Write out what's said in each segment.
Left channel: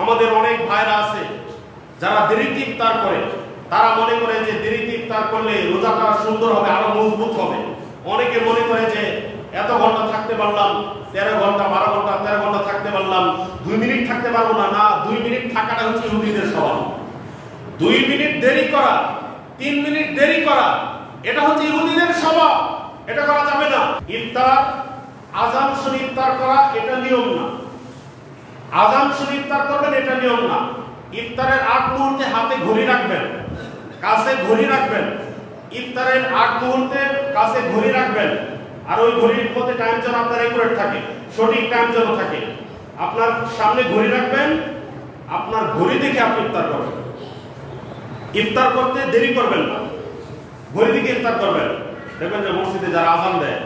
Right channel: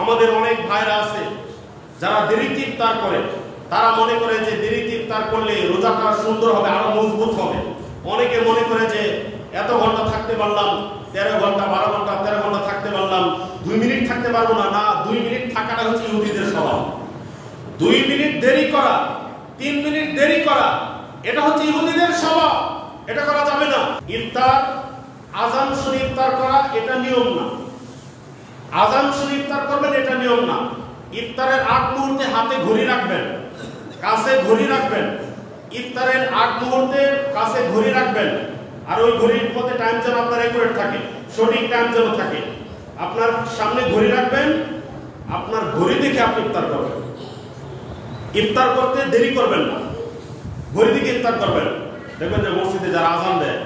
আমাদের অনেক ভাইরা আছে যারা দেরিতে ইফতার করে, তারা মনে করে যে দেরিতে ইফতার করলে রোজাটা সুন্দর হবে, আরো মজবুত হবে। অনেকে মনে করে যে এত ঘন্টা থাকতে পারলাম, 13 ঘন্টা 12 ঘন্টা 13 ঘন্টা থাকতে পারলাম, 2 মিনিট থাকতে পারবো না। না, 2 মিনিট থাকাটা হচ্ছে ইহুদিদের স্বভাব। 2 মিনিট দেরি করা, 3 মিনিট দেরি করা, এটা হচ্ছে ইহুদিদের স্বভাব। এটা করা যাবে না। ইফতার আজান শুনে ইফতার করা এটা নিয়ম না। আজান শুনে ইফতার করবেন এটা নিয়ম না। ইফতারের আগ মুহূর্তে হাতে ঘড়ি রাখবেন, কাছে ঘড়ি রাখবেন। ইফতারের আগ মুহূর্তে কাছে ঘড়ি রাখবেন, আর ওই ঘড়ির মধ্যে টাইম যেন আপনার একুরেট থাকে, সঠিক টাইম যেন থাকে। আপনার সামনে ঘড়ি রাখবেন, আপনার ঘড়ি দেখে আপনি ইফতার করবেন। ইফতার করতে দেরি করবেন না, ঘড়ি দেখে ইফতার করবেন। দেখবেন যে মসজিদে যারা আজান দেয়,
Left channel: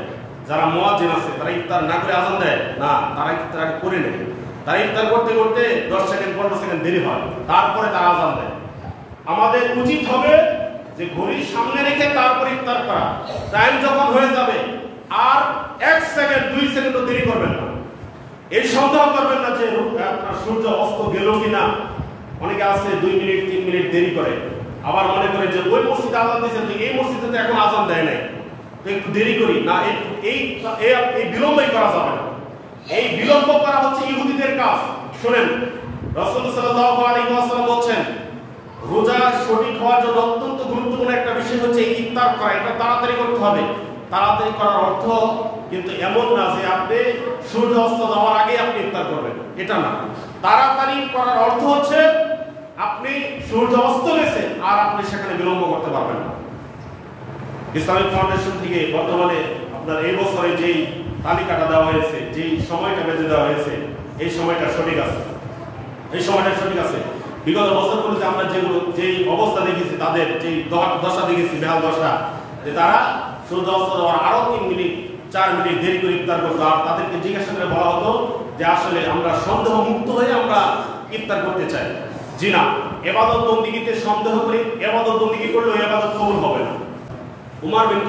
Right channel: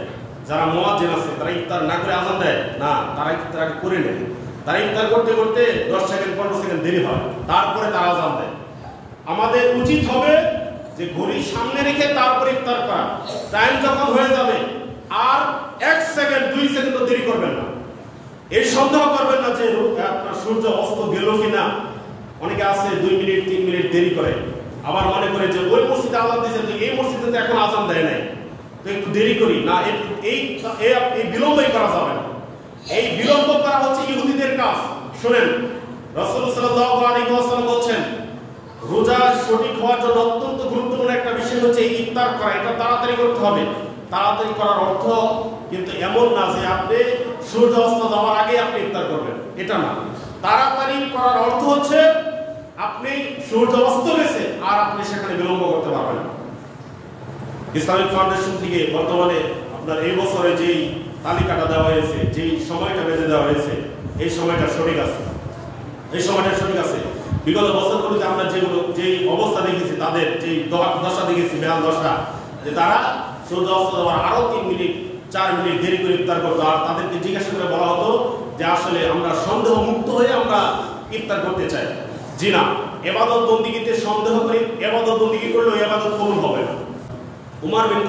যারা মুয়াজ্জিন আছে, তারা ইফতার না করে আজান দেয় না, তারা ইফতার আগে করে নেয়। তারা ইফতার করতে করতে 10 সেকেন্ড 15 সেকেন্ড দেরি হয়, তারপরে তারা আজান দেয়। আমাদের উচিত হবে যে ঘড়ি সামনে রেখে তারপরে ইফতার করা। টাইম যখন হয়ে যাবে আর 1 সেকেন্ড 2 সেকেন্ড দেরি করবেন না। এই সন্দেহ করবেন না যে আপনার সূর্য অস্ত গেল কিনা। অনেকে আছে 2 মিনিট 3 মিনিট দেরি করে, আবার মনে করে যে ওই মসজিদে আজান দিয়েছে, এই মসজিদে তো এখন আজান দেয় নাই, তো একটু দেরি করি না। এই বিলম্বই করা যাবে না। এই বিলম্ব করা হচ্ছে ইহুদিদের কাজ। শুনেন, রাসূল সাল্লাল্লাহু আলাইহি ওয়াসাল্লাম বলেন, রোজা সঠিক হওয়ার জন্য অত্যন্ত গুরুত্বপূর্ণ একটা বিষয় হচ্ছে ইফতার করা। এটা তাড়াতাড়ি করতে হবে। তাড়াতাড়ি করার অর্থ কিন্তু এমন না যে আপনি সূর্য অস্ত যাওয়ার আগে আপনি ইফতার করবেন, এটা না। তাড়াতাড়ি করার অর্থ হচ্ছে আপনি সূর্য অস্ত গেছে আর আপনি সেখানে বিলম্ব করতে পারবেন না। ইসলামিক ফাউন্ডেশন থেকে বর্তমানে আপনার এই বছরে যেই তালিকাটা দেওয়া হয়েছে, যেই সময়টা বেঁধে দেওয়া হয়েছে, এই সময়টা সঠিক আছে। এই সময়টা সঠিক আছে। বিগত বছরগুলোতে আমরা যেই অবস্থা দেখেছি, তাদের যেই দশা দেখেছি, বেহাল দশা, যে তারা সূর্য অস্ত যাওয়ার আরো 3 মিনিট 4 মিনিট দেরি করে ইফতার করতো। আর তাদেরকে জিজ্ঞাসা করে বলা হতো যে আসলে আমরা সন্দেহ মুক্ত হয়ে আমরা ইফতার করতে চাই। জি না, ইবাদত বন্দিগিতে সন্দেহ করে ইবাদত বন্দিগি করলে ওই ইবাদত কবুল হবে না। উমর বিন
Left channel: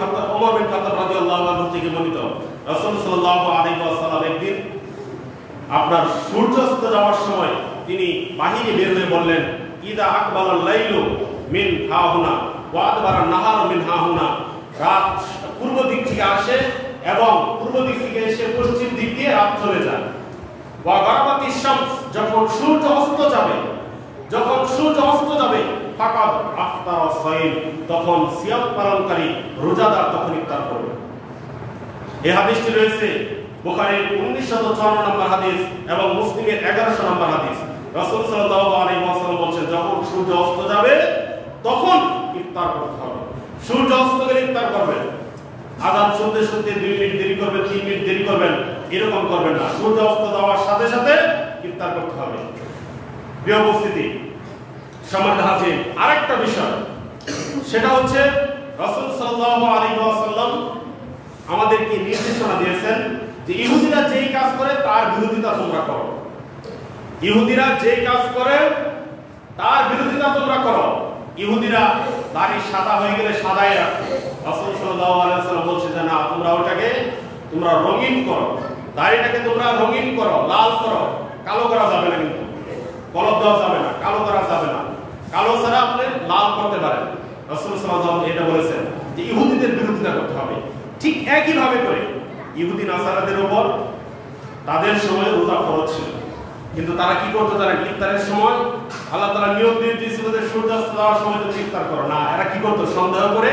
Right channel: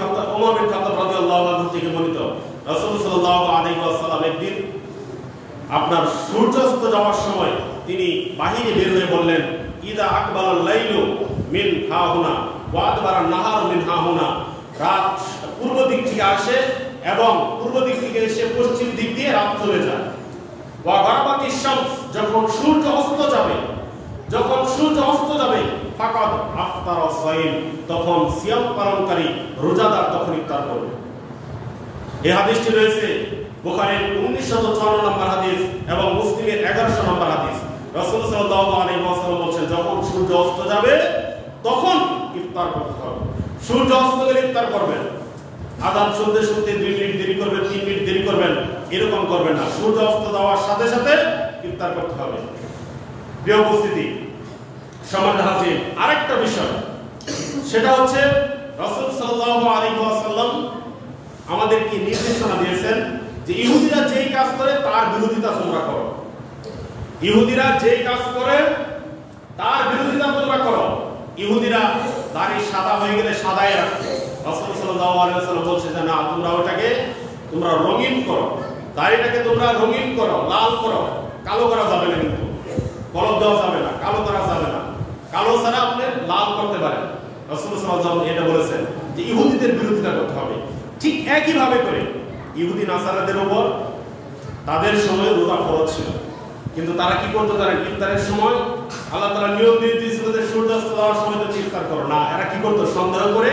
খাত্তাব রাদিয়াল্লাহু আনহু থেকে বর্ণিত, রাসূল সাল্লাল্লাহু আলাইহি ওয়াসাল্লাম একদিন আপনার সূর্যাস্ত যাওয়ার সময় তিনি বাহিরে বের হয়ে বললেন, ইদা আকবালাল লাইলু মিন হাহুনা ওয়া আদবারা নাহার মিন হাহুনা। রাত পূর্ব দিক থেকে আসে এবং পূর্ব দিক থেকে এসে পশ্চিম দিক দিয়ে রাত চলে যায়। ওয়া গারাবাতিশ শামস, যখন সূর্য অস্ত যাবে ফাকাদ আফতার সাইম, তখন সিয়াম পালনকারী রোজাদার তখন ইফতার করবে। এই হাদিসটি রয়েছে বুখারীর 1954 নম্বর হাদিস এবং মুসলিমের 1100 নম্বর হাদিস। রাসূল সাল্লাল্লাহু আলাইহি ওয়াসাল্লাম বলেন, যখন সূর্য অস্ত যাবে তখন ইফতার করতে হবে। সূর্য অস্ত গেলে ইফতার করবেন। আযান শুনতে 2 মিনিট দেরি করবেন, 3 মিনিট দেরি করবেন, এরকম করবেন না। সূর্য অস্ত যাওয়ার সাথে সাথে ইফতার করতে হবে। প্রিয় উপস্থিতি, সম্মানিত হাজির, আরেকটা বিষয়, সেটা হচ্ছে রাসূল সাল্লাল্লাহু আলাইহি ওয়াসাল্লাম আমাদেরকে নির্দেশনা দিয়েছেন যে ইহুদিরা যেই কাজ করে তার বিরোধিতা তোমরা করো। ইহুদিরা যেই কাজ করে তার বিরোধিতা তোমরা করো। ইহুদিরা দাড়ি সাদা হয়ে গেলে সাদাই রাখো। রাসূল সাল্লাল্লাহু আলাইহি ওয়াসাল্লাম বলছেন যে না, তোমরা রঙিন করো, দাড়িটাকে তোমরা রঙিন করো, লাল করো। কালো করা যাবে না, কিন্তু কলব দেওয়া যাবে না, কালো করা যাবে না। কালো ছাড়া আপনি লাল করতে পারেন। রাসূল সাল্লাল্লাহু আলাইহি ওয়াসাল্লাম এটা বলেছেন যে ইহুদিদের বিরোধিতা করতে হবে। ঠিক একই ভাবে করে ইহুদি নাসারাদের উপর তাদের সময় রোজা ফরজ ছিল, কিন্তু তারা কি করতো? তারা ইফতারের সময় আল্লাহ তাআলা নিয়ম দিয়ে দিয়েছিল যে সূর্যাস্ত যাওয়ার সময় তুমি ইফতার করো না। এরা কি করতো? সন্দেহ করে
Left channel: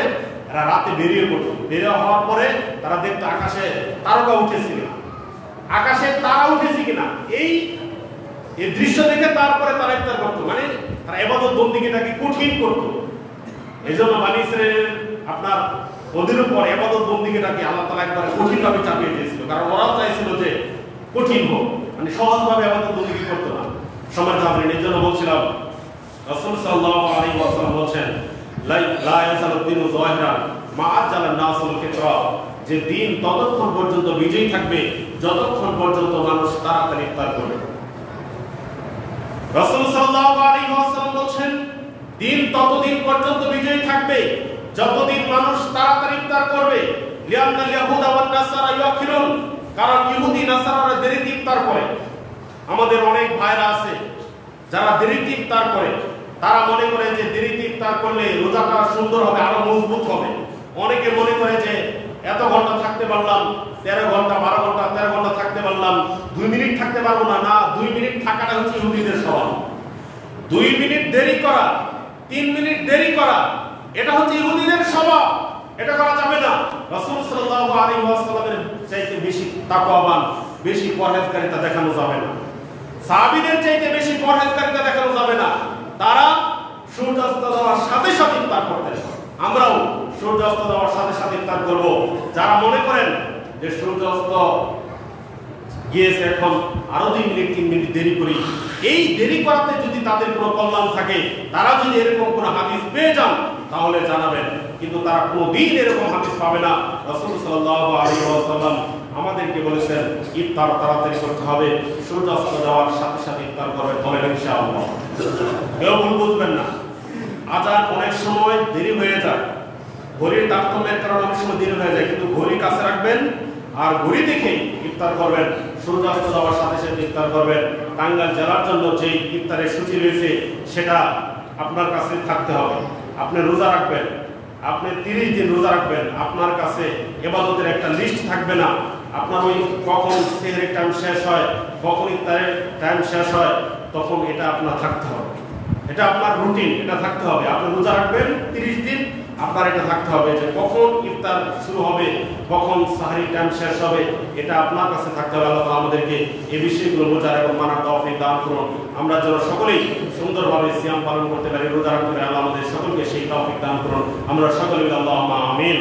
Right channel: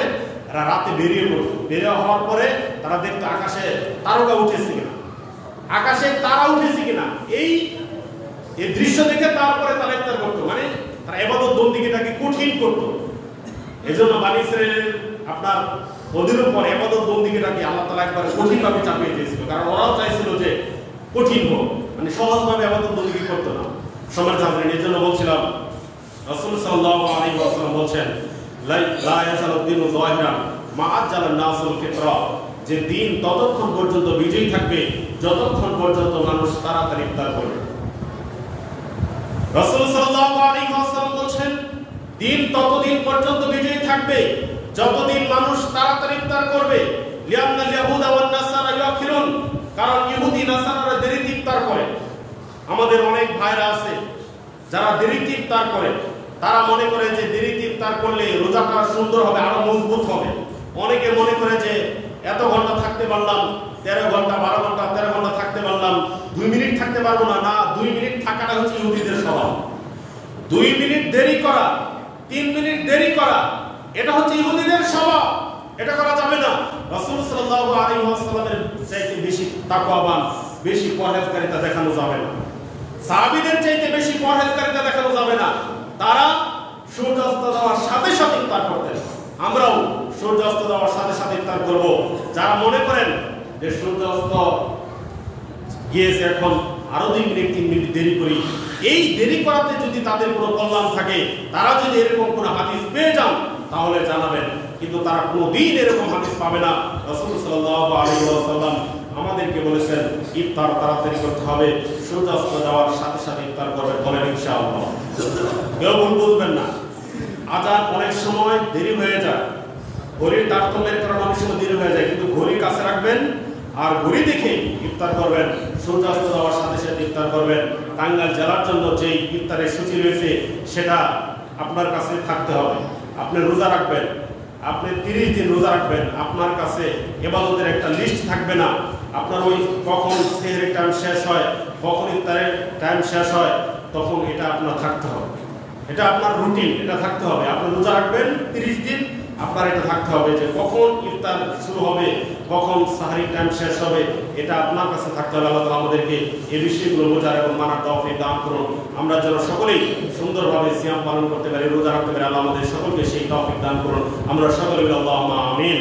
এরা রাতে বেরিয়ে পড়তো। বেরিয়ে হওয়ার পরে তারা দেখতো আকাশে তারকা উঠেছে কিনা, আকাশে তারা উঠেছে কিনা। এই দৃশ্য দেখে তারপরে তারা ইফতার করতো। মানে তারা ইবাদত বন্দেগীটাকে কঠিন করতো। এজন্য বনী ইসরাঈলের আপনার ওদের উপর ইবাদত বন্দেগীটাকে আল্লাহ তাআলা একবারে কঠিন ভাবে চাপিয়ে দিয়েছিল, কারণ ওরাও চাইছিল যে কঠিন হোক, মানে সহজ ভাবে ইবাদত বন্দেগী করতো না। সম্মানিত হাজিরিন, এর জন্য বলছিলাম রাসূল সাল্লাল্লাহু আলাইহি ওয়াসাল্লাম বলেন, লা ইয়াজালু দ্বীনু যাহিরান মা আজ্জালান নাসুল ফিতরা, যে দিন ততক্ষণ পর্যন্ত বিজয়ী থাকবে যতক্ষণ পর্যন্ত মানুষ তাড়াতাড়ি ইফতার করবে। রাসূল সাল্লাল্লাহু আলাইহি ওয়াসাল্লাম বলেন, দিন ততদিন পর্যন্ত বিজয়ী থাকবে যতদিন মানুষ তাড়াতাড়ি ইফতার করবে। লিআন্নাল ইয়াহুদা ওয়ান নাসারা ইউখিরুন, কারণ ইহুদি নাসারারা দেরিতে ইফতার করে। আমাদের অনেক ভাইরা আছে যারা দেরিতে ইফতার করে তারা মনে করে যে দেরিতে ইফতার করলে রোজাটা সুন্দর হবে, আরো মজবুত হবে। অনেকে মনে করে যে এত ঘন্টা থাকতে পারলাম, 13 ঘন্টা 12 ঘন্টা 13 ঘন্টা থাকতে পারলাম, 2 মিনিট থাকতে পারবো না। না, 2 মিনিট থাকাটা হচ্ছে ইহুদিদের স্বভাব। 2 মিনিট দেরি করা, 3 মিনিট দেরি করা, এটা হচ্ছে ইহুদিদের স্বভাব। এটা করা যাবে না। রাসূল সাল্লাল্লাহু আলাইহি ওয়াসাল্লামের চাইতে বেশি তাকওয়াবান, বেশি পরহেজগারিতা দেখানো যাবে না। সাহাবীদের চাইতে বেশি পরহেজগারিতা দেখানো যাবে না। তারা সূর্যাস্ত যাওয়ার সাথে সাথে ইফতার করতেন। আমরাও সূর্যাস্ত যাওয়ার সাথে সাথে ইফতার করব। যারা মনে করেন যে সূর্যাস্ত গিয়েছে, এখন আরো 2 মিনিট 3 মিনিট দেরি করি, এই দেরি করাতে যদি তাদের কোনো কল্যাণ থাকে, তারা যদি এরকম কোনো হাদিস পেয়ে যান তাহলে জানাবেন, কিন্তু তারা কোনোদিন এরকম হাদিস পাবে না। রাসূল সাল্লাল্লাহু আলাইহি ওয়াসাল্লাম আমাদেরকে বলেছেন ইফতার তাড়াতাড়ি করতে হবে, সূর্যাস্ত যাওয়ার সাথে সাথে ইফতার করবেন। বলেন ইনশাআল্লাহ। কেউ ভুল বুঝবেন না। আজান অনেক সময় দেরি হয়ে যায়, ঘড়ির তারতম্যের কারণে অনেক সময় দেরি হয়ে যায়, কিন্তু ঘড়ি কাছে রাখবেন আর ঘড়ি দেখে ইফতার করবেন। সূর্যাস্ত যাওয়ার সাথে সাথে ইফতার করবেন। টাঙ্গাইল জেলার জন্য যেই ইফতারের সূচি রয়েছে সেটা আপনার কাছে থাকতে হবে। আপনি রোজা রাখবেন, আপনি 30 দিন রোজা রাখবেন, আপনার কাছে ইবাদতের একটা লিস্ট থাকবে না। আপনার ওই কখন সেহরির টাইম শেষ হয়, কখন ইফতারের টাইম শেষ হয়, তখন এটা আপনার থাকতে হবে। এটা আপনার রুটিন, এটা থাকতে হবে। আপনি রোজা রাখবেন 30 দিন, আপনার এটা থাকতে হবে যে কখন ইফতার শুরু হবে, কখন সাহরি টাইম শেষ হবে, এটা আপনার কাছে থাকতে হবে। আল্লাহ তাআলা আমাদেরকে এই বিষয়গুলো বোঝার এবং মানার তৌফিক দান করুন। আমরা যেন সকলেই সুন্দরভাবে সিয়াম পালন করতে পারি, রোজা রাখতে পারি। আল্লাহ আমাদের সকলকে সেই তৌফিক দান করুন। আমরা সকলে আল্লাহুম্মা আমিন।